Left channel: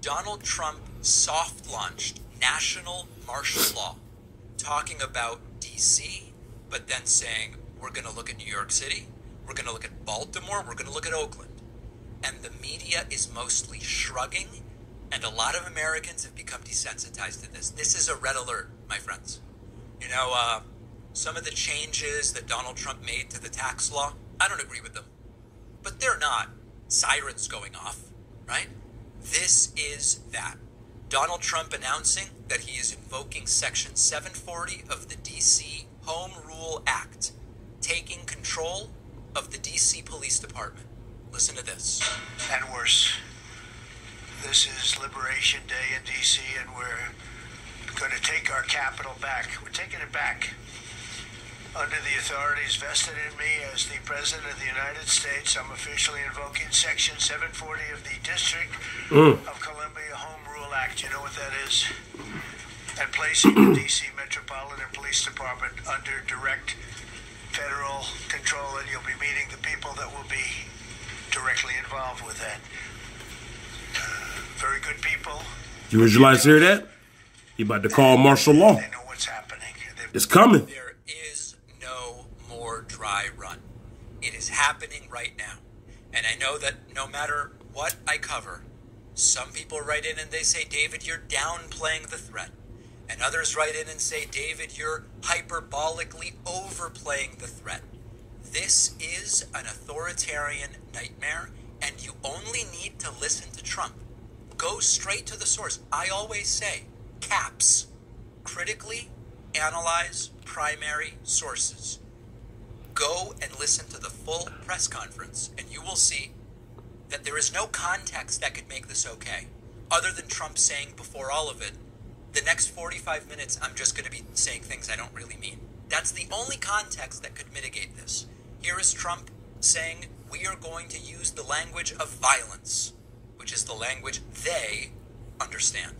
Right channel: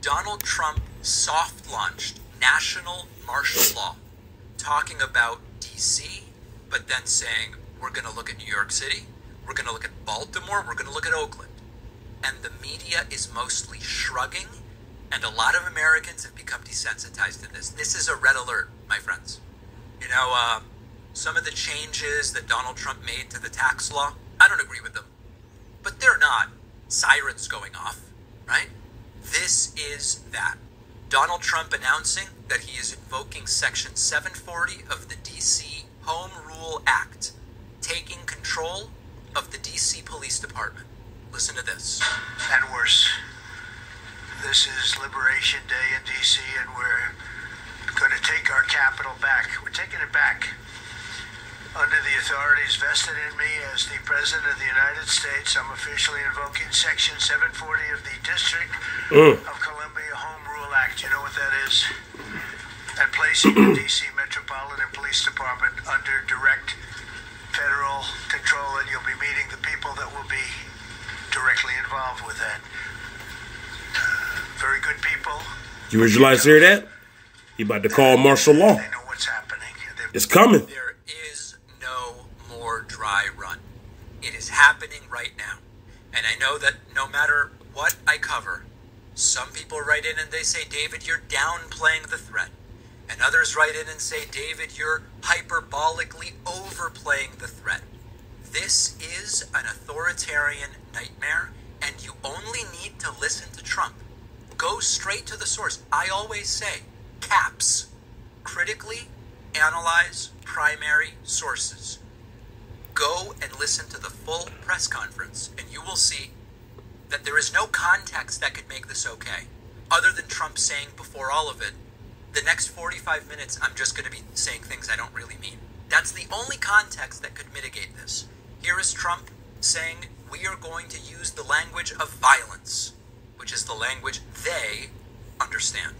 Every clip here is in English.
Donald Trump soft-launched national martial law, talking about D.C., but then saying, we're going to look at New York City, we're going to look at Baltimore, we're going to look at Oakland. And the media is mostly shrugging, and a lot of Americans have become desensitized to this. This is a red alert, my friends. You know, some of the changes that Donald Trump made to the tax law, I don't agree with them. But they're not sirens going off, right? This is that. Donald Trump announcing that he is invoking Section 740 of the D.C. Home Rule Act, taking control of the D.C. Police Department. Listen to this. And worse. This is Liberation Day in D.C., and we're going to take our capital back. We're taking it back. Under the authorities vested in me as the President of the United States, I'm officially invoking Section 740 of the District of Columbia Home Rule Act. You know what that is? And placing the D.C. Metropolitan Police Department under direct federal control, and you'll be meeting the people that will be directly involved with that. Very good people. You visualize hear that? He about to call martial law. They know what's happening. It's coming. There is no more dry run. It is happening right now. And I know that no matter what I cover, some people write in and they say, David, you're downplaying the threat. And others write in and say, David, you're hyperbolically overplaying the threat. This is an authoritarian nightmare, and you only need to listen to Trump. Go straight to the source. I always say, CAPS, critically analyze primary sources. Go and listen to the full press conference, and you will see that there is no context that could make this okay, other than Trump saying before all of it, the next 45 minutes, I'm just going to be saying things I don't really mean. That's the only context that could mitigate this. Here is Trump saying, we are going to use the language of violence, which is the language they understand.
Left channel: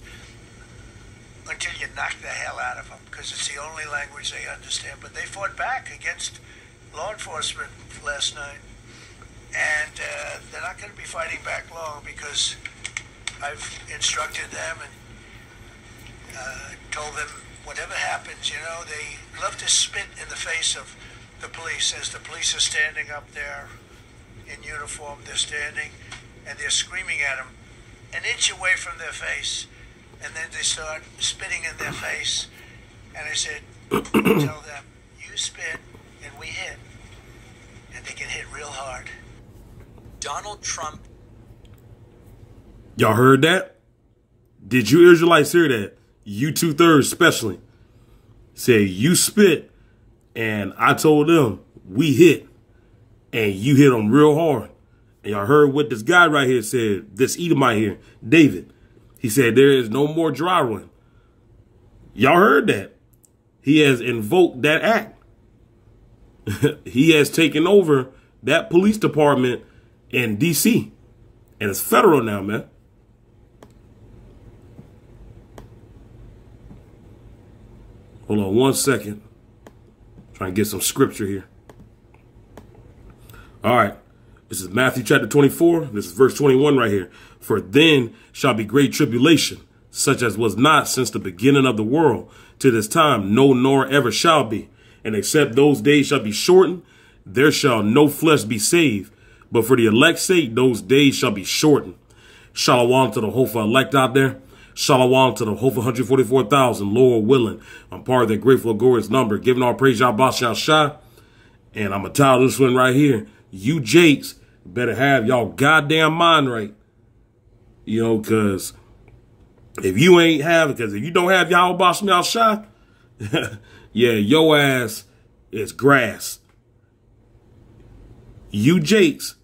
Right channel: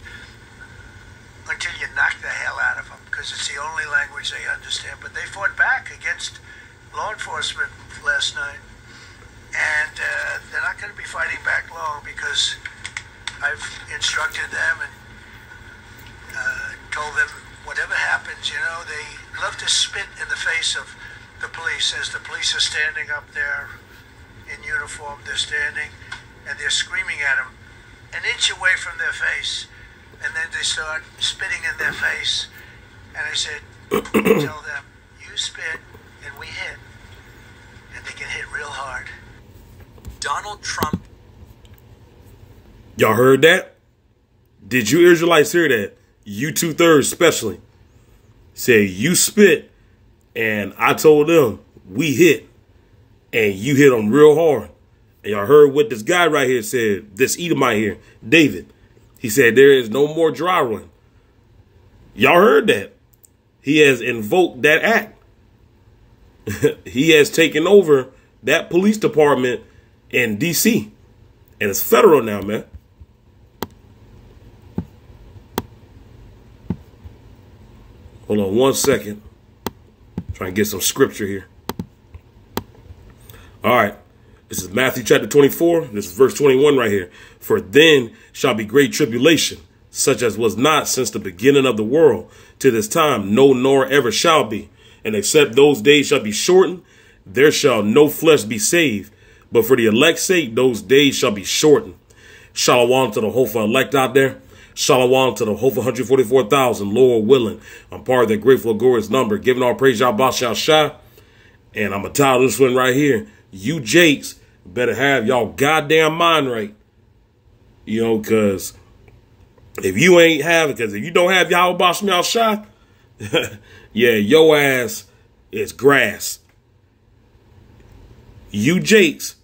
Until you knock the hell out of them, because it's the only language they understand. But they fought back against law enforcement last night. And they're not going to be fighting back long, because I've instructed them and told them whatever happens, you know, they love to spit in the face of the police as the police are standing up there in uniform. They're standing and they're screaming at them an inch away from their face, and then they start spitting in their face. And I said, tell them, you spit and we hit, and they get hit real hard. Donald Trump. Y'all heard that? Did you Israelites hear that? You 2/3 especially. Say you spit, and I told them we hit, and you hit them real hard. And y'all heard what this guy right here said, this Edomite here, David. He said there is no more dry run. Y'all heard that. He has invoked that act. He has taken over that police department in D.C. And it's federal now, man. Hold on 1 second. Trying to get some scripture here. All right. This is Matthew chapter 24. This is verse 21 right here. For then shall be great tribulation, such as was not since the beginning of the world to this time, no, nor ever shall be. And except those days shall be shortened, there shall no flesh be saved. But for the elect's sake, those days shall be shortened. Shalom to the whole elect out there. Shalom to the whole 144,000, Lord willing. I'm part of that grateful, glorious number. Giving all praise, Yahawashi. And I'm going to title this one right here. You Jakes better have y'all goddamn mind right. You know, because if you ain't have it, because if you don't have Yahawashi, yeah, your ass is grass. You Jakes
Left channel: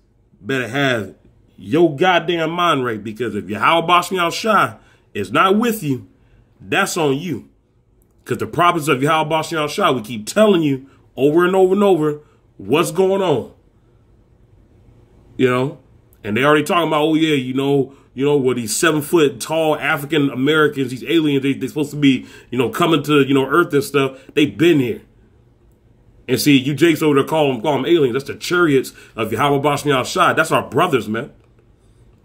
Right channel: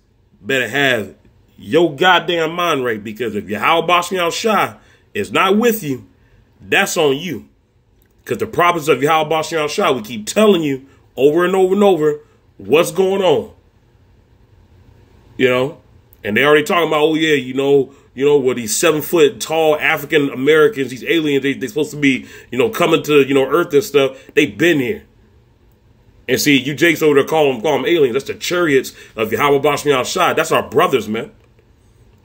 better have your goddamn mind right, because if Yahawashi is not with you, that's on you. Because the prophets of Yahawashi, we keep telling you over and over and over what's going on. You know, and they already talking about, oh yeah, you know, what these 7 foot tall African Americans, these aliens, they supposed to be, you know, coming to, you know, Earth and stuff. They've been here. And see, you Jakes over there call them aliens. That's the chariots of Yahawashi. That's our brothers, man.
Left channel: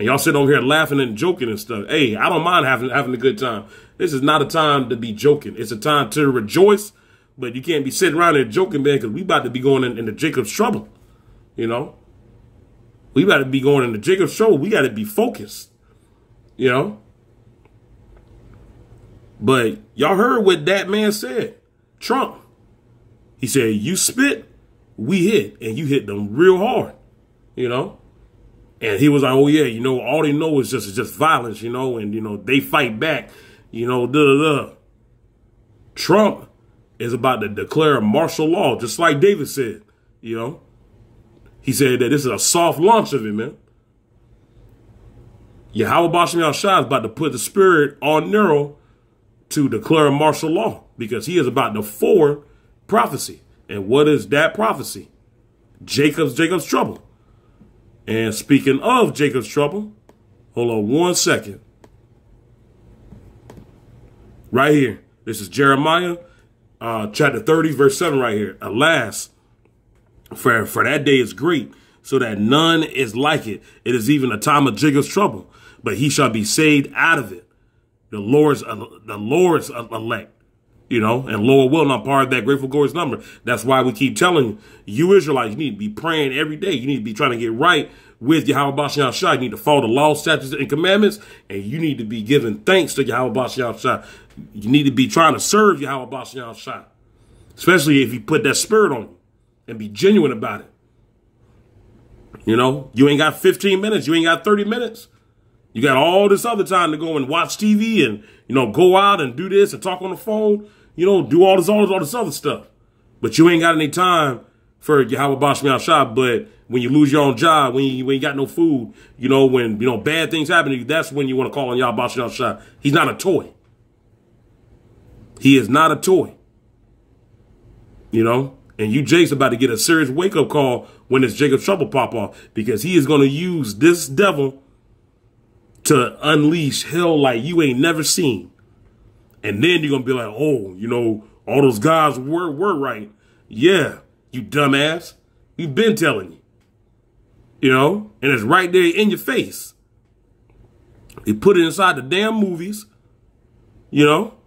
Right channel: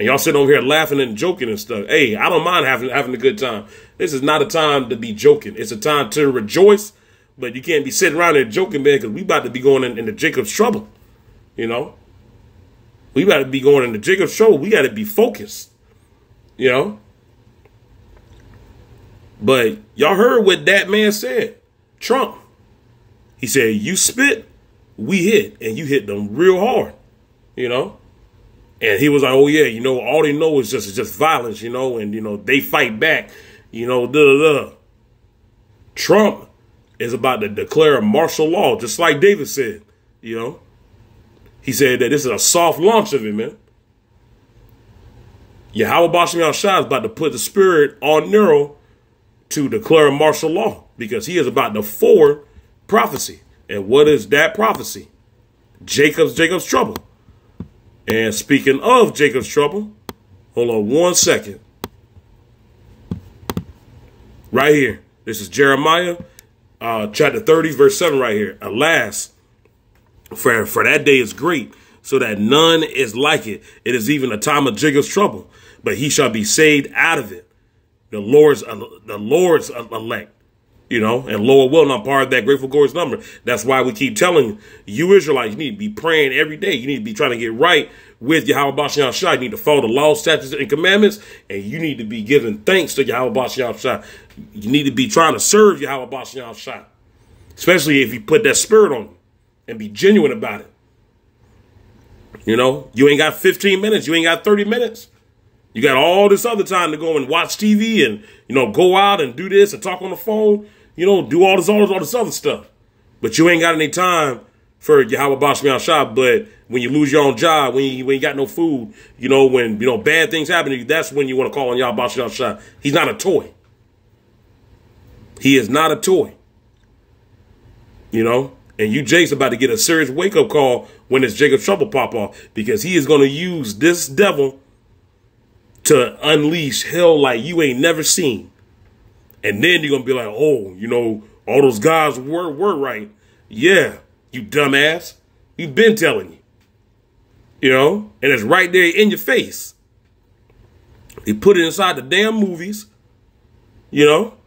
And y'all sitting over here laughing and joking and stuff. Hey, I don't mind having a good time. This is not a time to be joking. It's a time to rejoice, but you can't be sitting around there joking, man, because we about to be going into Jacob's trouble. You know? We got to be going into Jacob's trouble. We got to be focused. You know? But y'all heard what that man said. Trump. He said, you spit, we hit. And you hit them real hard. You know? And he was like, oh, yeah, you know, all they know is just violence, you know, and, you know, they fight back, you know, da-da-da. Trump is about to declare a martial law, just like David said, you know. He said that this is a soft launch of it, man. Yahawah Bahasham is about to put the spirit on Nero to declare a martial law because he is about to forward prophecy. And what is that prophecy? Jacob's trouble. And speaking of Jacob's trouble, hold on 1 second. Right here. This is Jeremiah chapter 30, verse 7 right here. Alas, for that day is great, so that none is like it. It is even a time of Jacob's trouble, but he shall be saved out of it. The Lord's elect. You know, and Lord will not part of that grateful glorious number. That's why we keep telling you Israelites, you need to be praying every day. You need to be trying to get right with Yahawah Bahasham. You need to follow the law, statutes, and commandments. And you need to be giving thanks to Yahawah Bahasham. You need to be trying to serve Yahawah Bahasham. Especially if you put that spirit on you and be genuine about it. You know, you ain't got 15 minutes. You ain't got 30 minutes. You got all this other time to go and watch TV and, you know, go out and do this and talk on the phone. You know, do all this other stuff. But you ain't got any time for Yahawah Bahasham. But when you lose your own job, when you got no food, you know, when, you know, bad things happen to you, that's when you want to call on Yahawah Bahasham. He's not a toy. He is not a toy. You know, and you Jake's about to get a serious wake-up call when this Jacob's trouble pop off, because he is going to use this devil to unleash hell like you ain't never seen. And then you're going to be like, oh, you know, all those guys were right. Yeah, you dumbass. We've been telling you. You know, and it's right there in your face. They put it inside the damn movies. You know,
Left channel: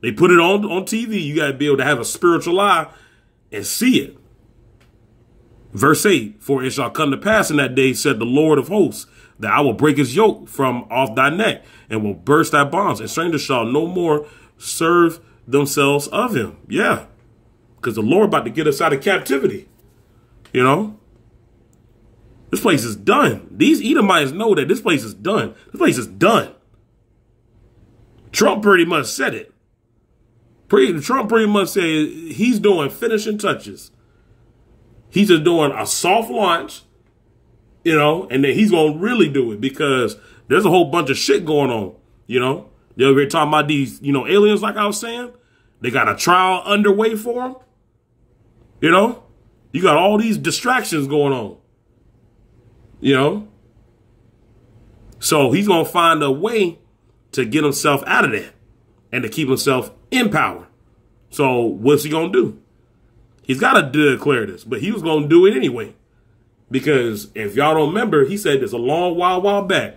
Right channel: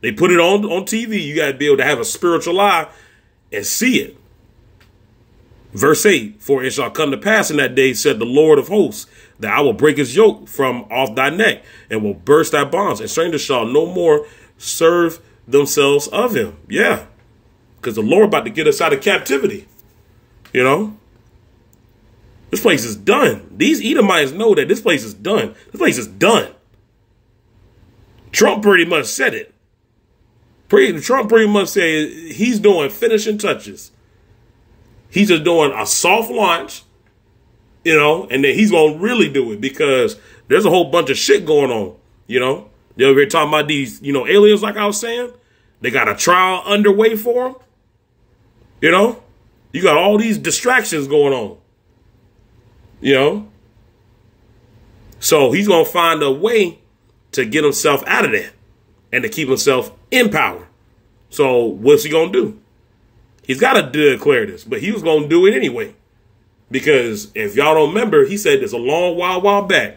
they put it on TV. You got to be able to have a spiritual eye and see it. Verse 8, for it shall come to pass in that day, said the Lord of hosts, that I will break his yoke from off thy neck and will burst thy bonds, and strangers shall no more serve themselves of him. Yeah, because the Lord about to get us out of captivity. You know, this place is done. These Edomites know that this place is done. This place is done. Trump pretty much said it. Trump pretty much said he's doing finishing touches. He's just doing a soft launch, you know, and then he's going to really do it because there's a whole bunch of shit going on, you know. They're over here talking about these, you know, aliens, like I was saying. They got a trial underway for them. You know, you got all these distractions going on, you know. So he's going to find a way to get himself out of that and to keep himself in power. So what's he going to do? He's got to declare this, but he was going to do it anyway. Because if y'all don't remember, he said this a long while back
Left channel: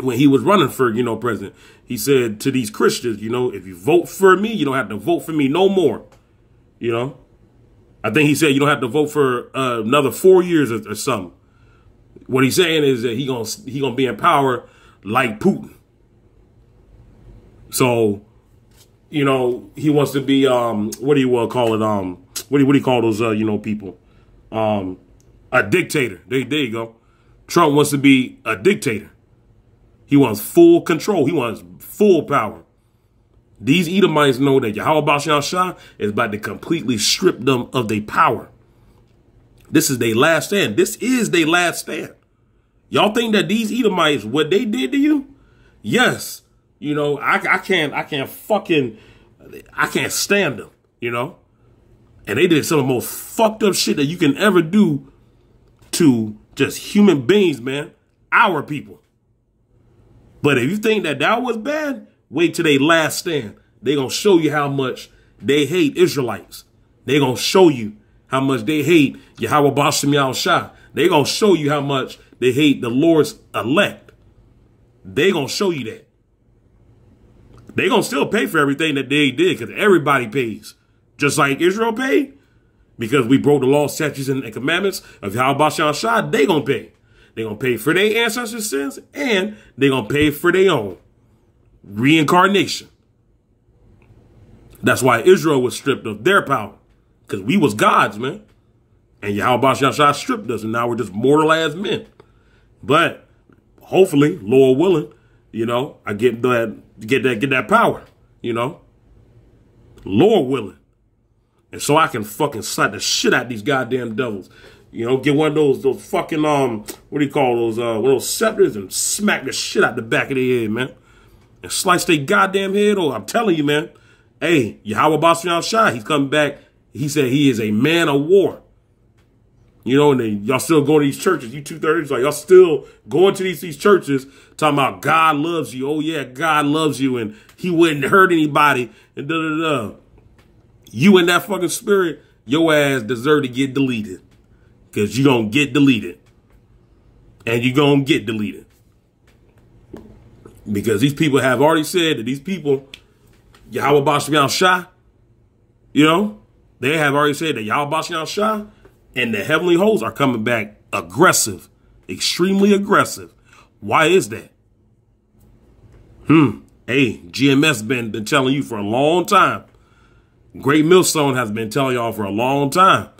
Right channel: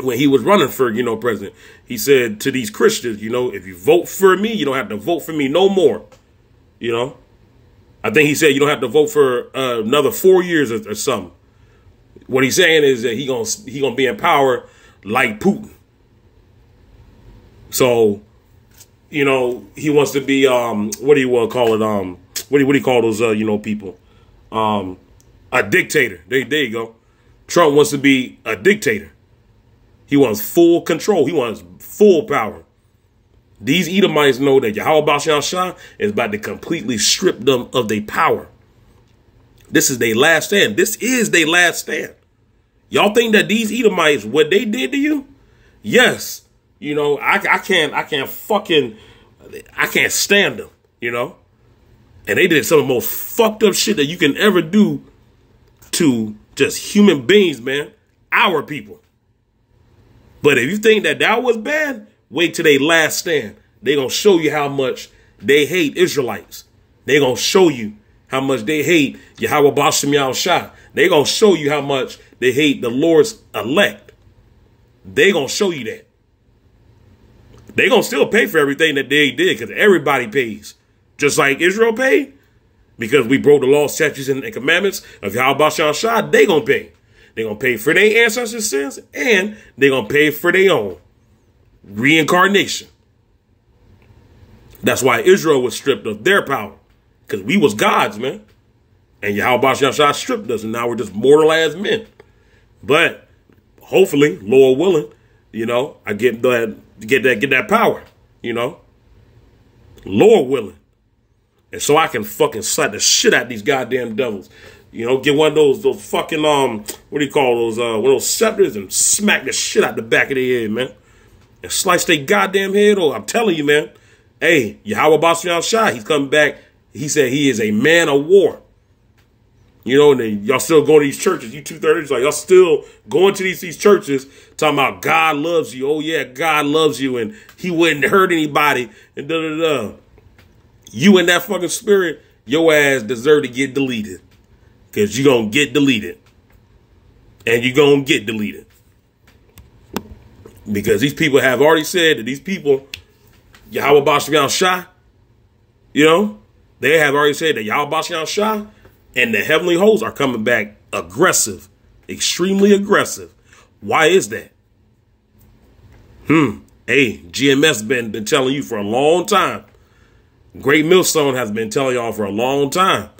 when he was running for, you know, president. He said to these Christians, you know, if you vote for me, you don't have to vote for me no more. You know, I think he said you don't have to vote for another 4 years or something. What he's saying is that he gonna be in power like Putin. So, you know, he wants to be what do you want to call it? What do you call those you know, people? A dictator. There you go. Trump wants to be a dictator. He wants full control. He wants full power. These Edomites know that Yahawah Bahasham is about to completely strip them of their power. This is their last stand. This is their last stand. Y'all think that these Edomites, what they did to you? Yes. You know, I can't stand them, you know? And they did some of the most fucked up shit that you can ever do to just human beings, man. Our people. But if you think that that was bad, wait till they last stand. They're going to show you how much they hate Israelites. They're going to show you how much they hate Yahawah Bahasham. They're going to show you how much they hate the Lord's elect. they going to show you that. They going to still pay for everything that they did because everybody pays. Just like Israel paid. Because we broke the law, statutes, and commandments of Yahawashi, they going to pay. They going to pay for their ancestors' sins and they going to pay for their own reincarnation. That's why Israel was stripped of their power. Because we was gods, man. And Yahawashi stripped us, and now we're just mortal as men. But hopefully, Lord willing, you know, I get that power, you know. Lord willing. And so I can fucking slap the shit out of these goddamn devils. You know, get one of those fucking, what do you call those, one of those scepters and smack the shit out the back of their head, man. And slice their goddamn head. Oh, I'm telling you, man. Hey, Yahawashi, he's coming back. He said he is a man of war. You know, and then y'all still going to these churches. You 230s, like y'all still going to these churches talking about God loves you. Oh, yeah, God loves you. And he wouldn't hurt anybody. And da-da-da. You in that fucking spirit, your ass deserve to get deleted. Because you're going to get deleted. And you're going to get deleted. Because these people have already said that these people, Yahawashi, you know, they have already said that Yahawashi and the heavenly hosts are coming back aggressive, extremely aggressive. Why is that? Hey, GMS been telling you for a long time. Great Millstone has been telling y'all for a long time.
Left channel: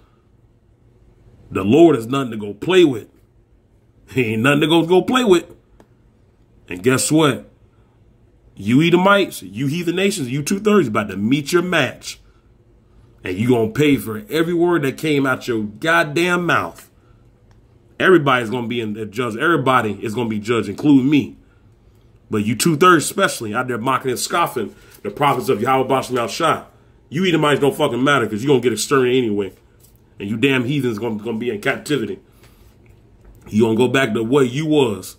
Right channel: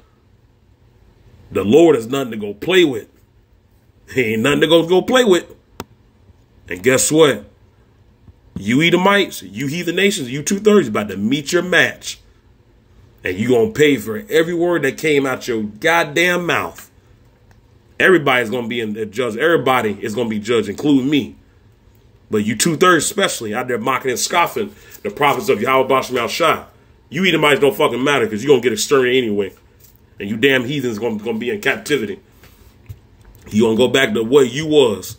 The Lord is nothing to go play with. He ain't nothing to go play with. And guess what? You Edomites, you heathen nations, you 230s about to meet your match. And you going to pay for every word that came out your goddamn mouth. Everybody's going to be in the judge. Everybody is going to be judged, including me. But you 230s especially out there mocking and scoffing the prophets of Yahawashi. You Edomites don't fucking matter because you're going to get exterminated anyway. And you damn heathens going to be in captivity. You going to go back to what you was.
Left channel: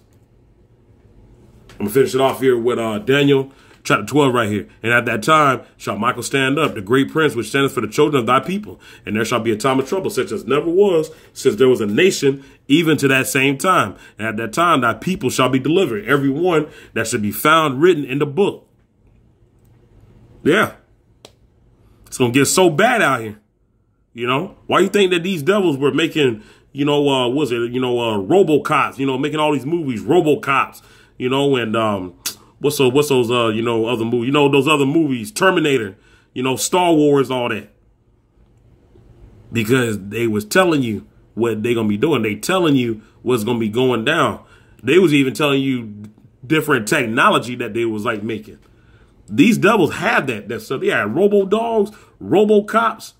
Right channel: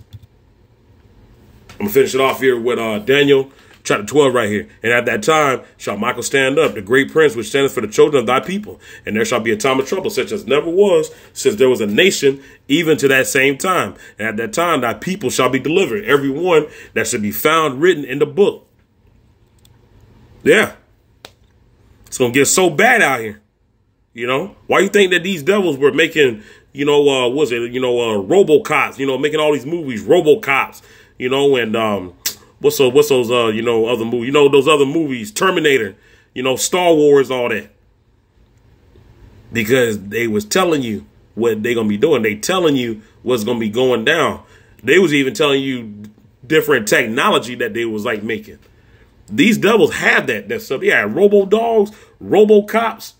I'm going to finish it off here with Daniel chapter 12 right here. And at that time shall Michael stand up, the great prince which standeth for the children of thy people. And there shall be a time of trouble such as never was since there was a nation even to that same time. And at that time thy people shall be delivered, every one that should be found written in the book. Yeah. It's going to get so bad out here. You know, why you think that these devils were making, you know, RoboCops, you know, making all these movies, RoboCops, you know, and what's those, you know, other movies, you know, those other movies, Terminator, you know, Star Wars, all that. Because they was telling you what they going to be doing. They telling you what's going to be going down. They was even telling you different technology that they was like making. These devils had that stuff. They had robo-dogs, robo-cops.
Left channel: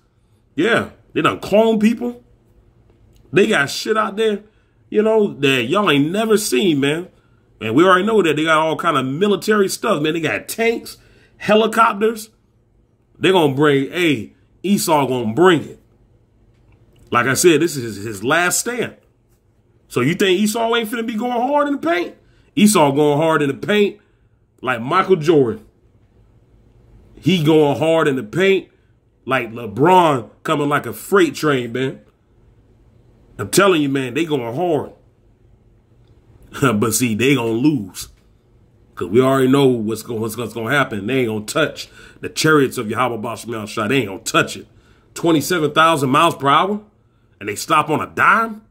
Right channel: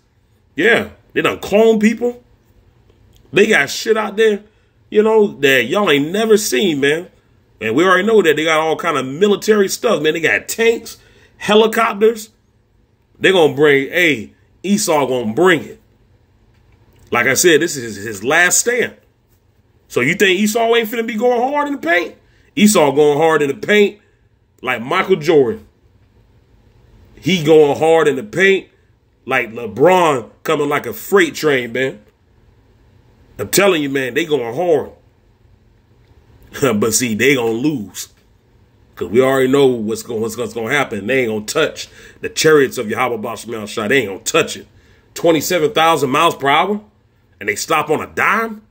Yeah, they done clone people. They got shit out there, you know, that y'all ain't never seen, man. And we already know that they got all kind of military stuff, man. They got tanks, helicopters. They're going to bring, hey, Esau going to bring it. Like I said, this is his last stand. So you think Esau ain't finna be going hard in the paint? Esau going hard in the paint like Michael Jordan. He going hard in the paint like LeBron coming like a freight train, man. I'm telling you, man, they going hard. But see, they going to lose. Because we already know what's going to happen. They ain't going to touch the chariots of Yahawashi. They ain't going to touch it. 27,000 miles per hour? And they stop on a dime?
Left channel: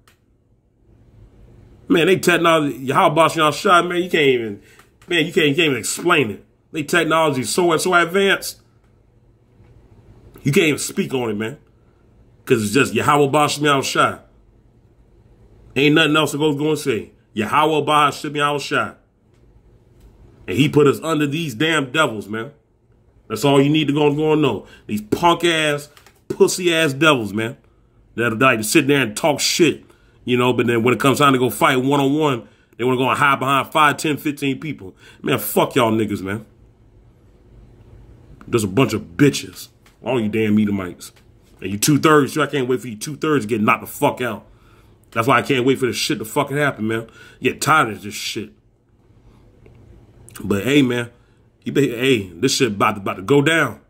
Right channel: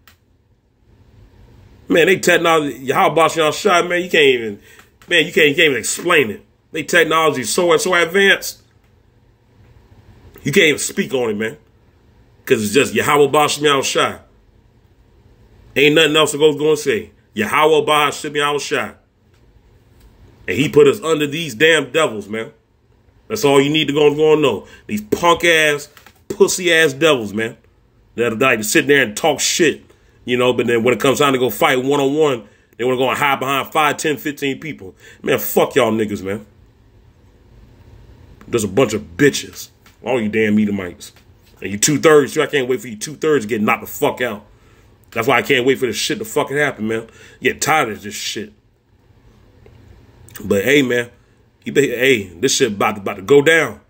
Man, they technology, Yahawashi, man, you can't even explain it. They technology is so advanced. You can't even speak on it, man. Because it's just Yahawashi. Ain't nothing else to go and say. Yahawashi. And he put us under these damn devils, man. That's all you need to go and know. These punk ass, pussy ass devils, man. That like to sit there and talk shit, you know, but then when it comes time to go fight one-on-one, they want to go and hide behind 5, 10, 15 people. Man, fuck y'all niggas, man. There's a bunch of bitches. All you damn Edomites. And you 2/3, so I can't wait for you 2/3 to get knocked the fuck out. That's why I can't wait for this shit to fucking happen, man. Get tired of this shit. But hey, man, hey, this shit about to go down.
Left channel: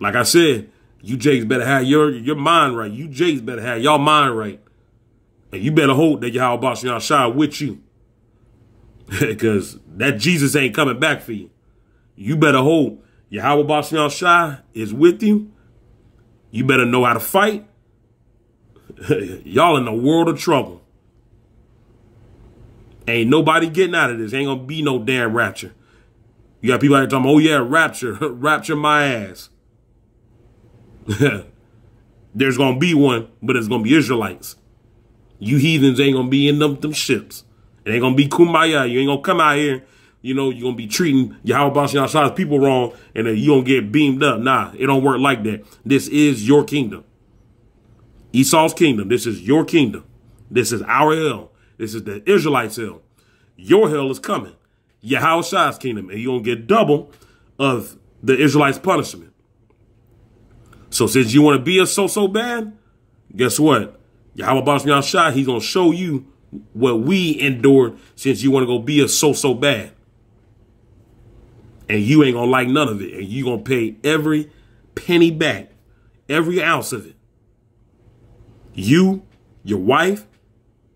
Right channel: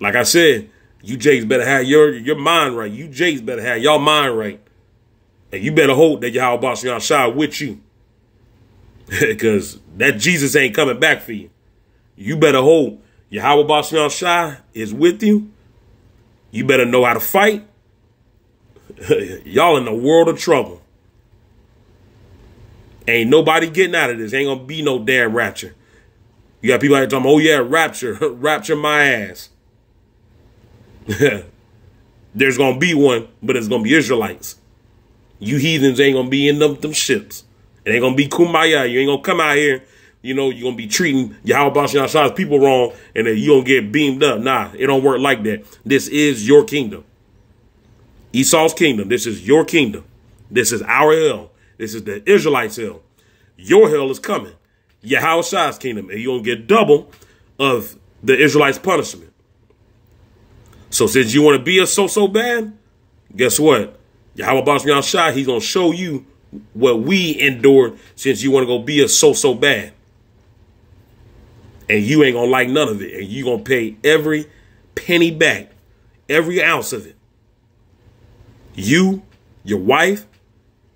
Like I said, you Jakes better have your mind right. You Jakes better have y'all mind right. And you better hope that Yahawashi with you. Because that Jesus ain't coming back for you. You better hope Yahawah Bahasham Shai is with you. You better know how to fight. Y'all in a world of trouble. Ain't nobody getting out of this. Ain't gonna be no damn rapture. You got people out here talking, oh yeah, rapture, rapture my ass. There's gonna be one, but it's gonna be Israelites. You heathens ain't gonna be in them ships. It ain't gonna be kumbaya. You ain't gonna come out here, you know, you're gonna be treating Yahawah Bahasham Shai's people wrong, and then you gonna get beamed up. Nah, it don't work like that. This is your kingdom. Esau's kingdom. This is your kingdom. This is our hell. This is the Israelites' hell. Your hell is coming. Yahawah's kingdom. And you're going to get double of the Israelites' punishment. So since you want to be a so bad, guess what? Yahawah Bahasham Shai, he's going to show you what we endured since you want to go be a so bad. And you ain't going to like none of it. And you're going to pay every penny back. Every ounce of it. You, your wife,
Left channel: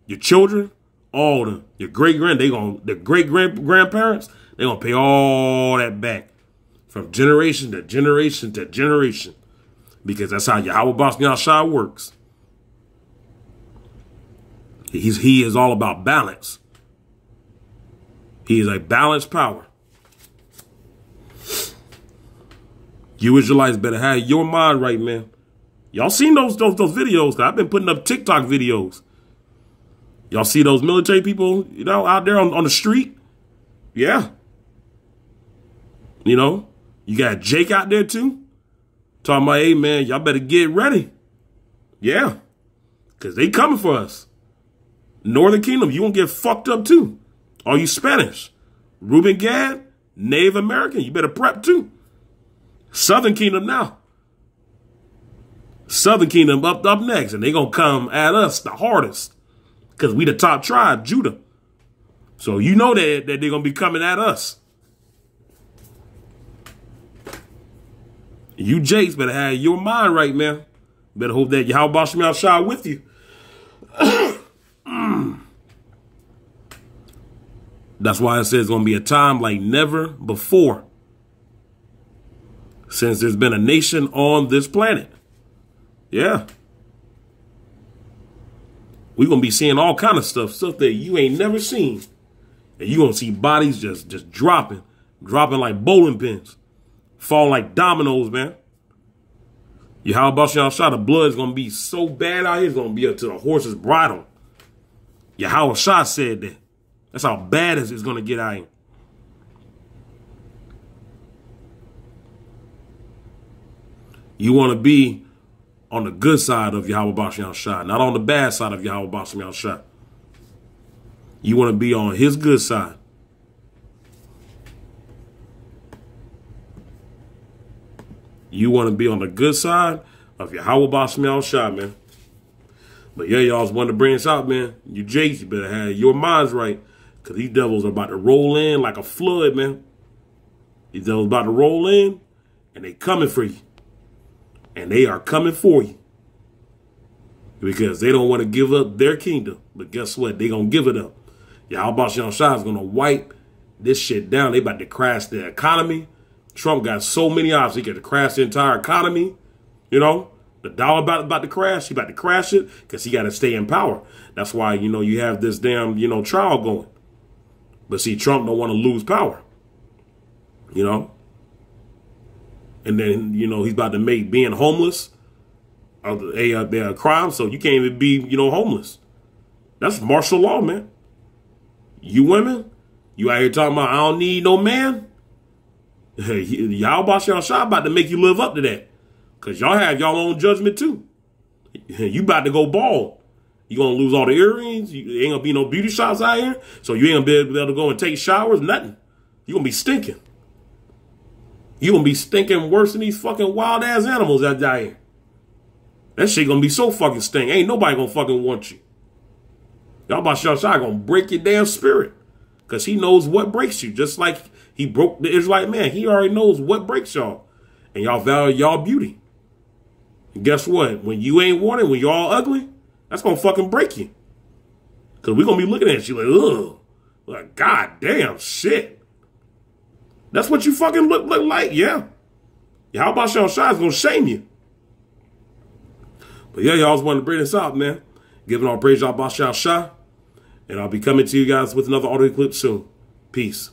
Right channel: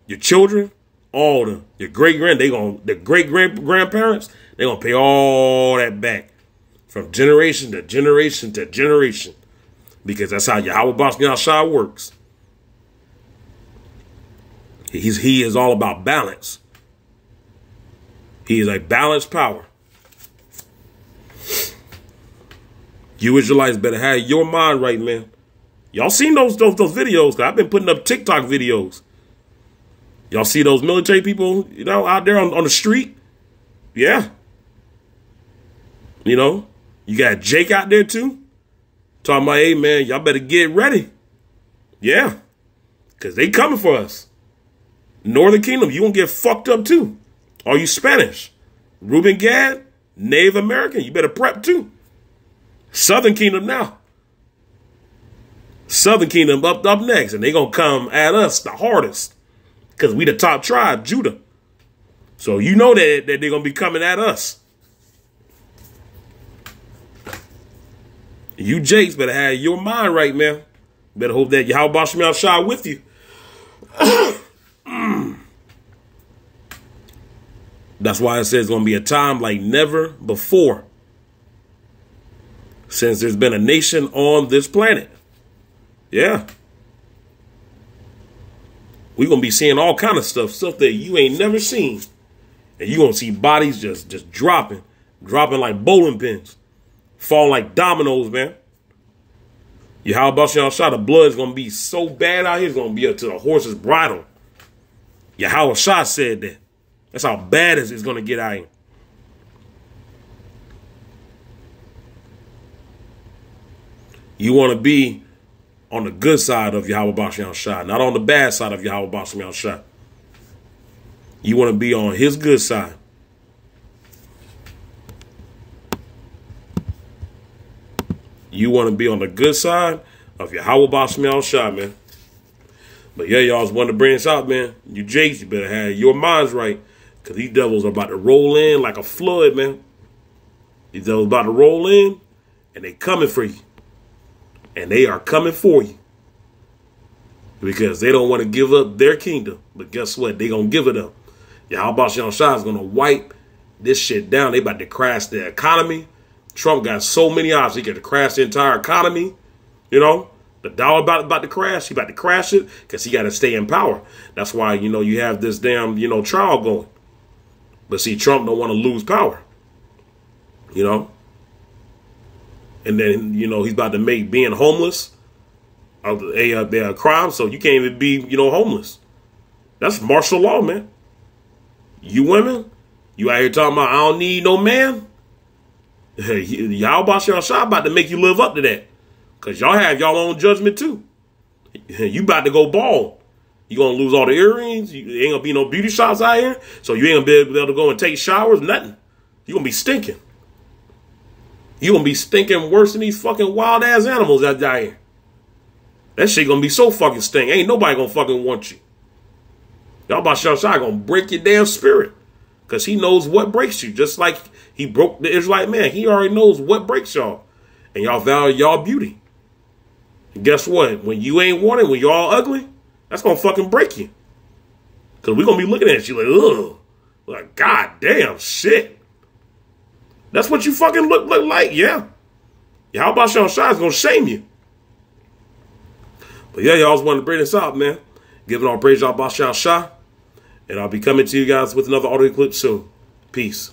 your children, all the your great-grandparents, they're gonna pay all that back from generation to generation to generation. Because that's how Yahawah Bahasham Shai works. He is all about balance. He is a balanced power. You Israelites better have your mind right, man. Y'all seen those videos? I've been putting up TikTok videos. Y'all see those military people, you know, out there on the street? Yeah. You know, you got Jake out there too. Talking about, hey, man, y'all better get ready. Yeah. Because they coming for us. Northern Kingdom, you gonna get fucked up too. Are you Spanish? Reuben Gad, Native American, you better prep too. Southern Kingdom now. Southern Kingdom up next, and they gonna come at us the hardest because we the top tribe, Judah. So you know that they're gonna be coming at us. You Jakes better have your mind right, man. Better hope that Yahawah Bahasham Shai with you. That's why it says it's gonna be a time like never before since there's been a nation on this planet. Yeah. We're going to be seeing all kind of stuff that you ain't never seen. And you're going to see bodies just dropping like bowling pins, falling like dominoes, man. Yahawah Bahasham Shai, the blood is going to be so bad out here, it's going to be up to the horse's bridle. Yahawah Shai said that. That's how bad it's going to get out here. You want to be on the good side of Yahawah Bahasham Shai, not on the bad side of Yahawah Bahasham Shai. You want to be on his good side. You want to be on the good side of Yahawah Bahasham Shai, man. But yeah, y'all just wanted to bring this out, man. You Jakes, you better have your minds right, because these devils are about to roll in like a flood, man. These devils about to roll in, and they coming for you. And they are coming for you. Because they don't want to give up their kingdom. But guess what? They going to give it up. Yahawah Bahasham Shai is going to wipe this shit down. They about to crash the economy. Trump got so many options. He got to crash the entire economy. You know, the dollar about to crash. He about to crash it because he got to stay in power. That's why, you know, you have this damn, you know, trial going. But see, Trump don't want to lose power. You know. And then, you know, he's about to make being homeless a crime. So you can't even be, you know, homeless. That's martial law, man. You women, you out here talking about, I don't need no man. Y'all Bahasham Shai about to make you live up to that. Because y'all have y'all own judgment too. You about to go bald. You going to lose all the earrings. You ain't going to be no beauty shops out here. So you ain't going to be able to go and take showers, nothing. You going to be stinking. You going to be stinking worse than these fucking wild ass animals that die here. That shit going to be so fucking stink. Ain't nobody going to fucking want you. Y'all Bahasham Shai going to break your damn spirit. Because he knows what breaks you. Just like he broke the Israelite man. He already knows what breaks y'all. And y'all value y'all beauty. And guess what? When you ain't wanted, when y'all ugly, that's going to fucking break you. Because we're going to be looking at you like, ugh. Like, God damn, shit. That's what you fucking look like, yeah. Yahawashi Shah is going to shame you. But yeah, y'all just wanted to bring this out, man. Giving all praise to Yahawashi Shah. And I'll be coming to you guys with another audio clip soon. Peace.